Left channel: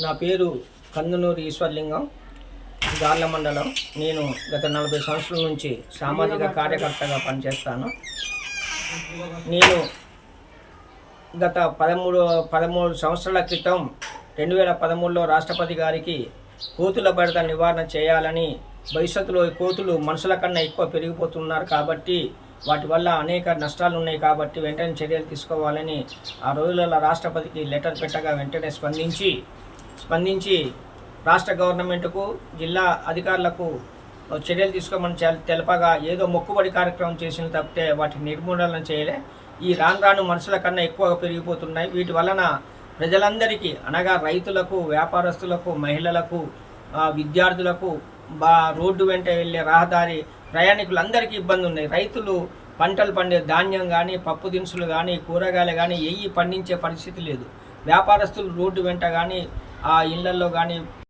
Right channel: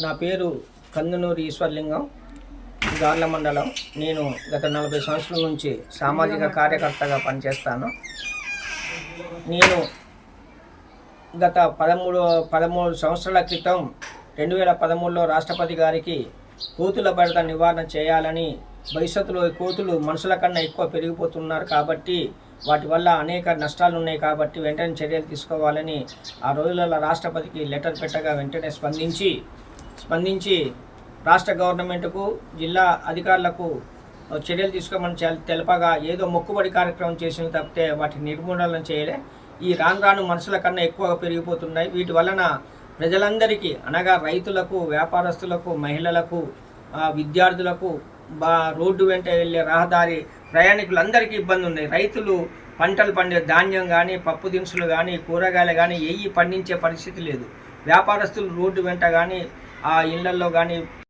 నా పేరు కందునూరి ఈశ్వర్లింగం, గార్ల మండలం. నేను గత 40 సంవత్సరాల నుంచి సామాజిక కార్యకర్తగా పనిచేస్తాను. నేను గత 13 సంవత్సరాల క్రితం 2013లో రాష్ట్రపతి గారికి కోతుల బెడద నివారణ చేయాలని, భవిష్యత్తులో కోతులు మనుషుల కన్నా ఎక్కువ పెరిగిపోతున్నారు కాబట్టి వాటి వల్ల అనేక నష్టాలు ఉన్నాయి కాబట్టి వెంటనే చర్యలు తీసుకోవాలని ఆ రోజులలో రాష్ట్రపతికి లెటర్ పెట్టగా వెంటనే స్పందించి రాష్ట్ర గవర్నమెంట్కు, జిల్లా అధికారులకు చర్యలు తీసుకోమని తెలపగా ఏదో మొక్కుబడి కార్యక్రమం చేసిన తప్పితే వాటి నిర్మూలన చేయలే. ఈ రాను మనుషుల కన్నా ఎక్కువగా పెరిగిపోతున్నాయి. వీటి వలన ప్రజలందరికీ అనగా రైతులకు, వ్యాపారస్తులకు, మహిళలకు, విద్యార్థులకు, రోడ్డు వెంట వెళ్ళే రహదారి ప్రయాణికులందరికీ ఇబ్బంది ఉన్నాయి. రైతులు పంటలు పండే ధాన్యం కానీ, పప్పు దినుసులు కానీ, కూరగాయలు కానీ పండించే పరిస్థితి లేదు. వ్యాపారస్తులు రోడ్డు వెంట కానీ, ఆ ఇళ్లలో కానీ